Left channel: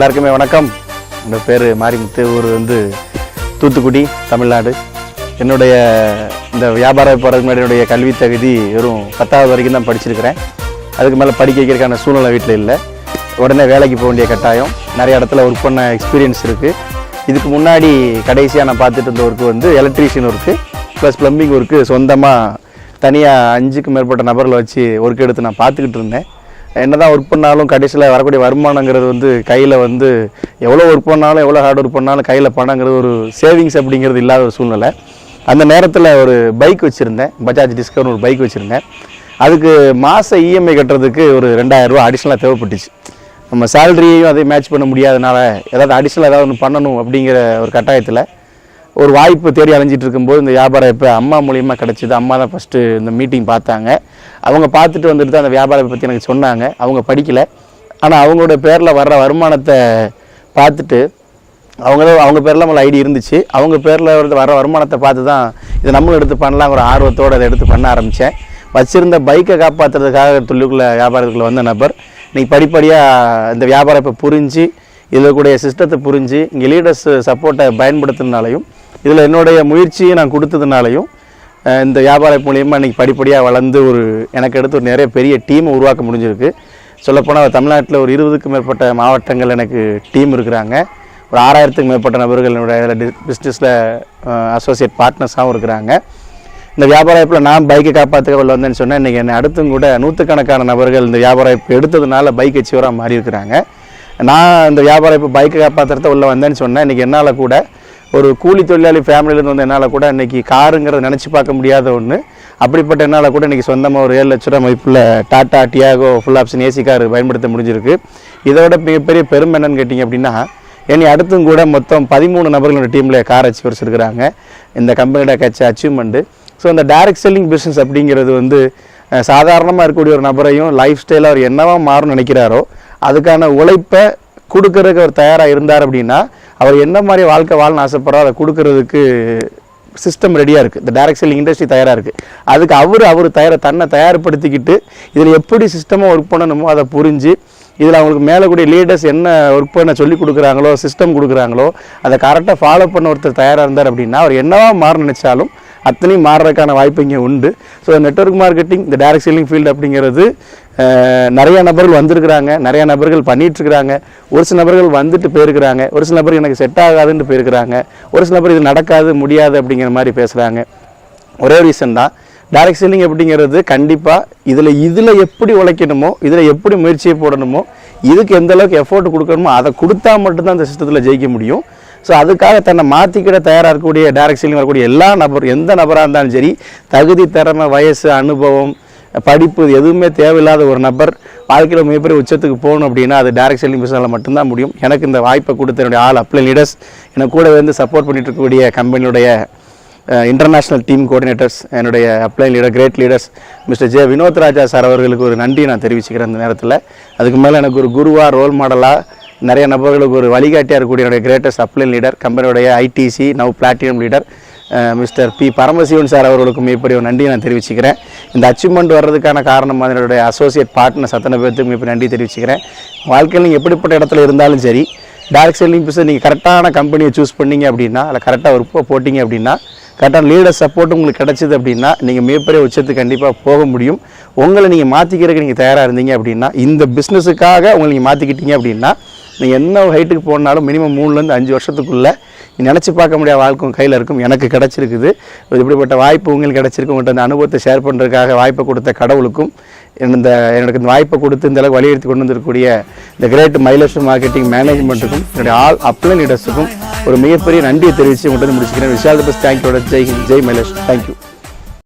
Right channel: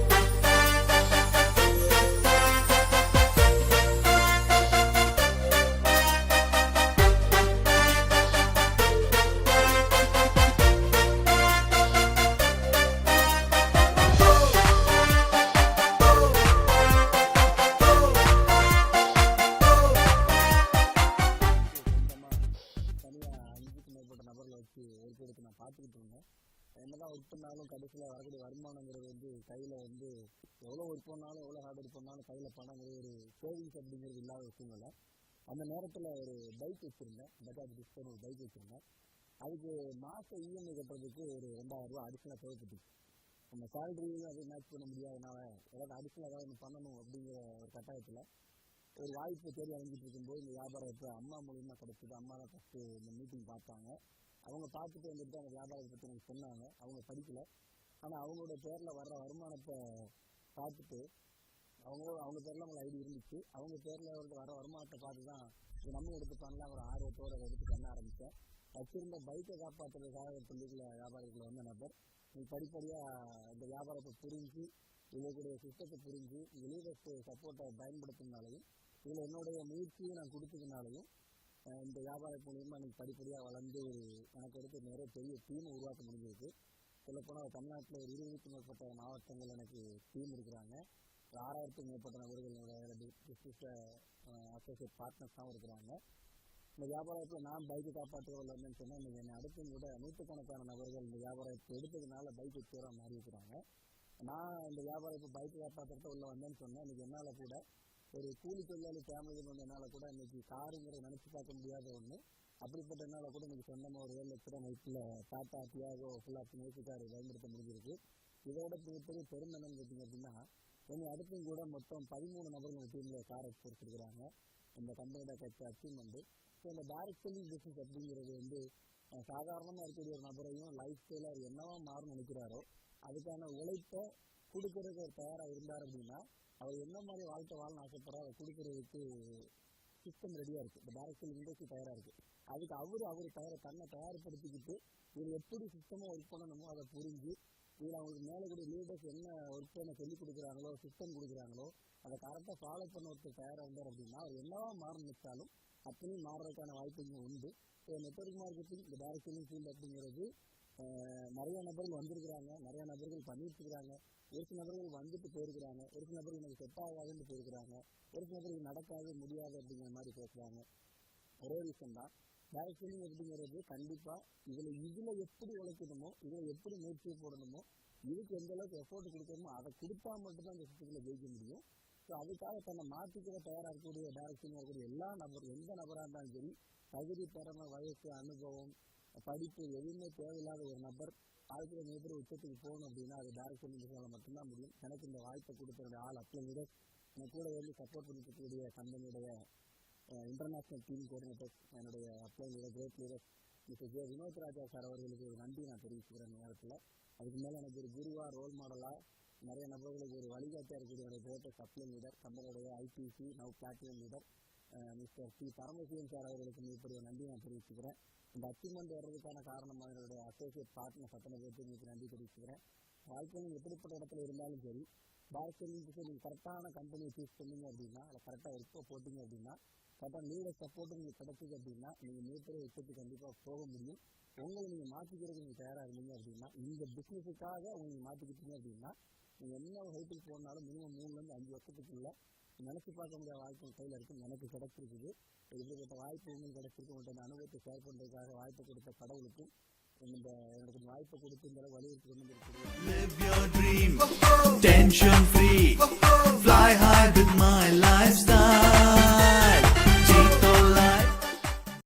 எல்லாருக்குமே வணக்கம். என்னோடய பேர் மாரிமுத்து ஊர் வந்து தூத்துக்குடி தமிழ்நாடு. என்னுடைய இந்த வியாபாரம் போகிறதுக்கு முன்னாடி என்னுடைய கல்வி தகுதி வெறும் பத்தாவது வரைக்கும் தான் படிச்சிருக்கிறேன். அதுக்கு மேலே படிக்க வைக்கிறதுக்கான சூழ்நிலை வீட்டில் இல்லை. உடனே வேலைக்கு போக வேண்டிய கட்டாயம். நிறைய இடத்துல ஒர்க் பண்ண எக்ஸ்பீரியன்ஸ் இருக்குது இதுக்கு முன்னாடி கடைசியாக நான் பார்த்துட்டு இருந்த ஒர்க்கு வந்து electrician work plus plumbing work சொந்தமாக தனியாக அஞ்சுக்கு மேற்பட்ட நபர்களை வச்சு ஒர்க் எடுத்து நான் பார்த்துக்கிட்டு இருந்தேன். என்னதான் ஒர்க் பண்ணாலும் கடைசியில் வரக்கூடிய வருமானங்கிறது வந்து கையில் வந்து எவ்வளோ ஒர்க் பண்ணாலும் எவ்வளோ ஹார்ட் ஒர்க் பண்ணாலும் கையில் பணங்கிறது ஒரு சேவிங்ஸ் அப்படிங்கிறது இல்லாத ஒரு சூழ்நிலை. அந்த நேரத்தில் ஒரு பைக் வச்சுருந்தேன். பஜாஜ் டிஸ்கவர்னு ஒரு பைக் வச்சுருந்தேன். அதுக்கு மாத இஎம்ஐ கட்டுறதுக்கு ஒரு ரெண்டாயிரரூவா அடிஷ்னலாக தேவைப்பட்டுச்சு. நம்ம சேலரியையும் அதை மேட்ச் பண்ண முடியாதனால ஏதாவது அடிஷ்னல் ஏதாவது ஒன்று பண்ணணும் அப்படிங்கிற ஒரு கட்டாயத்தில் ஒரு வாய்ப்பு தேடி அலைஞ்சிட்டு இருக்கும்போது இந்த வியாபாரம் இப்போ அம்மா மூலியமாக கிடச்சிது. அம்மா தான் ஃபஸ்ட்டு இந்த மீட்டிங் பார்த்தாங்க. அவங்க பார்த்துட்டு வந்துட்டு தான் அந்த வியாபாரத்தை பற்றி எனக்கு சொன்னாங்க. அவங்க படிக்கலை. ஆனால் அவங்களோட பேரில் வர்ற வருமானத்தை பார்த்துட்டு அவங்க அவங்க பேரில் நம்மள ஐடி இருந்துச்சு. அவங்க பேரில் வர வருமானத்தை பார்த்து தான் இதை நம்மளும் எடுத்து பண்ணலாம் ஒரு ஆர்வத்தோடு அதை எடுத்து பண்ண ஆரம்பித்தேன் வச்சுருந்த பைக்கை காப்பாற்றுறதுக்காக தொழிலுக்குள்ள வியாபாரத்துக்குள்ளே வந்த நபர். இன்றைக்கி படிப்படியாக இந்த வியாபாரம் இப்போ புரிஞ்சு இதில் கூடிய சிஸ்டத்தை புரிஞ்சு இங்கே லீடர்ஸ் சப்போர்ட்டை பயன்படுத்தினாலையும் இதில் என்னுடைய முயற்சியை நான் கொடுத்ததுனாலையும் இந்த வியாபாரம் மூலியமாக இன்றைக்கி படிப்படியாக வளர்ந்து ஒரு எனக்கு எடுத்து ஒரு நிறைய பெரிய டீமை உருவாக்க முடிஞ்சிருக்கு. சொல்லப்போனால் தமிழ்நாட்டில் ஒரு இருபதுக்கும் மேற்பட்ட மாவட்டங்கள் எனக்கு டீம் இருக்கிறாங்க. ஒரு ஆறாயிரத்துக்கும் மேற்பட்ட நபர்கள் என்னுடைய பிஸ்னஸில் அசோசியேட் பார்ட்னர்ஸாகவும் இருக்கிறாங்க. இந்த வியாபார வாய்ப்பில் நான் பைக்கை காப்பாற்றுக்க உள்ள வந்தேன்னு சொன்னேன் இன்றைக்கி என்னை அடுத்தும் கூட நூற்றுக்கணக்கான நபர்கள் இந்த வியாபார வாய்ப்பு எடுத்ததுனால பைக் அச்சீவராக மாறி இருக்கிறாங்க நான் இந்த வியாபாரம் இப்போ பைக்கை காப்பாற்றுறத உள்ள வந்தேன்னு சொன்னேன். இன்றைக்கி என்னால் கூட ஒரு கூலி தொழிலாளி ஃபேமிலியிலேருந்து வந்து என்னால் கூட இன்றைக்கி காருங்கிறத நினச்சி பார்க்க முடியாத ஒன்று அப்படிப்பட்ட என்னால் கூட இன்றைக்கி சொந்தமாக ஒரு ஏழு லட்ச ரூபா மதிப்பில் Tata Tiago full option AC car பயன்படுத்த முடிஞ்சிருக்கு. இதோட மிகப்பெரிய பெருமை என்னன்னு கேட்டிங்க அப்படின்னா என்னை அடுத்தும் கூட மொத்தம் பதிமூணு நபர்களோட டீமில் கார் அச்சீவர்ஸ் இருக்கிறாங்க. இந்த கம்பெனியோட கட்சி அச்சீவ்மெண்ட்டு ஸோ இந்த டைரக்ட் செல்லிங் பிஸ்னஸ் அப்படிங்கிறது வந்து சாதாரணமாக இருக்கக்கூடிய ஒரு நபரையும் லைஃப் ஸ்டைலாக அவர் என்னவா மாறும்னு நினைக்கிறாரோ அதுக்கான உழைப்பை கொடுக்கறதுக்கு அவர் தயாராக இருந்தார் அப்படின்னா அவர் என்ன மாதிரி வாழ்க்கை வாழணும்னு ஆசைப்படுறோ அதை கொடுக்கறதுக்கு சிஸ்டம் ரெடியாக இருக்குது இந்த டைரக்ட் செல்லிங் இண்டஸ்ட்ரி தயாராக இருக்குது அதுக்கு அவர் அவர் தயார தன்னை தயார்படுத்திக்கிட்டு இதில் எப்படி சிஸ்டமாக ஒர்க் பண்ணணுமோ அதை புரிஞ்சு இதில் அவங்களுக்கு மேலே கூடிய லீடர்ஸ் என்ன ஒர்க் பண்ண சொல்லி கொடுக்குறாங்களோ சிஸ்டம் கொடுக்குறாங்களோ அதை கரெக்டாக ஃபாலோ பண்ண ஒருத்தர் தயாராக இருந்தார் அப்படின்னா அவர் என்னவா மாற நினச்சாலும் அத்தனையும் மாறுறதுக்கான வாய்ப்பு இங்கே உண்டு. ஸோ நெட்வொர்க் மார்க்கெட்டிங் இந்த டேரக்ட் செல்லிங் ஃபீல்டு அப்படிங்கிறது நிறைய நபர்கள் வந்திருக்கிறாங்க நிறைய நபர்கள் பண்ணிகிட்ருக்கிறாங்க ஒரு சில நபர்கள் வந்துட்டு போயிருக்கிறாங்க ஒரு சில நபர் எனக்கு செட் ஆகாதுன்ட்டு போயிருக்கிறாங்க ஒரு சில நபர் இது நடக்காது முடியாது அப்படிங்கிற மாதிரி பேசுகிறாங்க ஒரே ரீசன் தான். டைரக்ட் செல்லிங் எப்படிங்கிறது கண்டிப்பாக இதில் இதில் எப்படி உழைக்கணுமோ இதில் எப்படி முயற்சியை போடணுமோ இதுக்கு எந்த அளவுக்கு எஃபோர்ட் கொடுக்கணுமோ அதை கொடுத்தா மட்டும்தான் அந்த சிஸ்டத்தில் ஜெயிக்க முடியும். ஸோ அதுக்காக தன்னை மாற்றிக்கிட தயாராக இருக்கக்கூடிய டைரக்ட் செல்லிங் வரக்கூடிய எல்லா நபர் எந்த நபராக இருந்தாலும் சரி தகுதி திறமை வயசு அனுபவம் படிப்பு எதுவுமே தேவையில்லாத ஒரு நபர் வாழ்க்கையில் மிகப்பெரிய உச்சத்துக்கு போகணும் அப்படின்னா அது டைரக்ட் செல்லிங் பிஸ்னஸில் மட்டும்தான் முடியும். எனக்கு இந்த வாய்ப்பை கொடுத்த என்னுடைய ஆள் அப்ளை லீடர்ஸ் எனக்கு கூட வந்து சப்போர்ட் பண்ணிட்டு இருக்கக்கூடிய கம்பெனியுடைய இன்டர்நேஷ்னல் டீம் கோஆர்டினேட்டர்ஸ் என்னுடைய upline leader great leaders mister J Vinoth Raja sir அவர்களுக்கு ஒரு நன்றி நான் தெரிவிச்சுக்கிறேன் இந்த நேரத்தில். அதுக்கு மேலே எனக்கு ஒரு குருவாக ரோல் மாடலாக நிறைய நபர்களுக்கு ஒரு வழிகாட்டியாக இருக்கக்கூடிய என்னுடைய கிரேட்டஸ்ட் அப்ளை லீடர் கம்பெனியுடைய ITC now platinum leader mister P Paramasivan sir அவர்களுக்கும் இப்படி ஒரு நன்றி நான் தெரிவிச்சுக்கிறேன். இந்த அச்சீவ்மெண்ட் வர்றதுக்கான காரணம் என்னுடைய அசோசியேட் பார்ட்னர் சத்தனை பேர்த்துக்கு மிகப்பெரிய நன்றி தெரிவிச்சுக்கிறேன். வாழ்க்கையில் நீங்கள் எப்படிப்பட்ட இடத்துல இருந்தாலும் சரி டேரக்ட் செல்லிங் பிஸ்னஸ் நீங்கள் கரெக்டான கம்பெனியை சூஸ் பண்ணிங்க அப்படின்னா அதில் கரெக்டாக ஒர்க் போட்டிங்க அப்படின்னா கரெக்டாக லீடர் சப்போர்ட் உங்களுக்கு கிடச்சிது அப்படின்னா நீங்கள் மிகப்பெரிய உச்சத்துக்கு கண்டிப்பாக போக முடியும். உங்களை நீங்கள் மாற்றிக்கிறதுக்கு நீங்கள் தயாராக இருந்தீங்க அப்படின்னா இந்த பிஸ்னஸுக்காக உங்களை நீங்கள் மாற்றிக்கிட்டீங்க அப்படின்னா நீங்கள் என்ன ஹைட்டுக்கு போனாலும் மினிமம் மூணுலேருந்து அஞ்சு வருஷத்துக்குள்ளே நீ நினச்சி பார்க்க முடியாத வாழ்க்கும் கையில் இருக்கும். எனக்கு கிடச்சிருக்குது. இப்படிப்பட்ட வாய்ப்பு உங்களுக்கு கிடச்சிருக்கு. உங்கள்கிட்ட அந்த அனுபவத்தை ஷேர் பண்ணுறதுக்காக வாய்ப்பை கொடுத்த கடவுளுக்கும் இந்த எனக்கு இந்த வாய்ப்பை கொடுத்து இந்த அளவுக்கு வலியுறுத்தி கொண்டு வந்திருக்கக்கூடிய இந்த கிரேட் மைலேஜ் மார்க்கெட்டிங் மேனேஜ்மெண்ட்டுக்கும் என்னுடைய ஆல் அப்ளை லீடர்ஸுக்கும் ஒரு மிகப்பெரிய நன்றியை தெரிவித்து உங்கள்கிட்ட முடிச்சுக்கிறேன். விஷால் பஸ் தேங்க்யூட ஜெய் ஜெய் மைலேஷ் தேங்க்யூ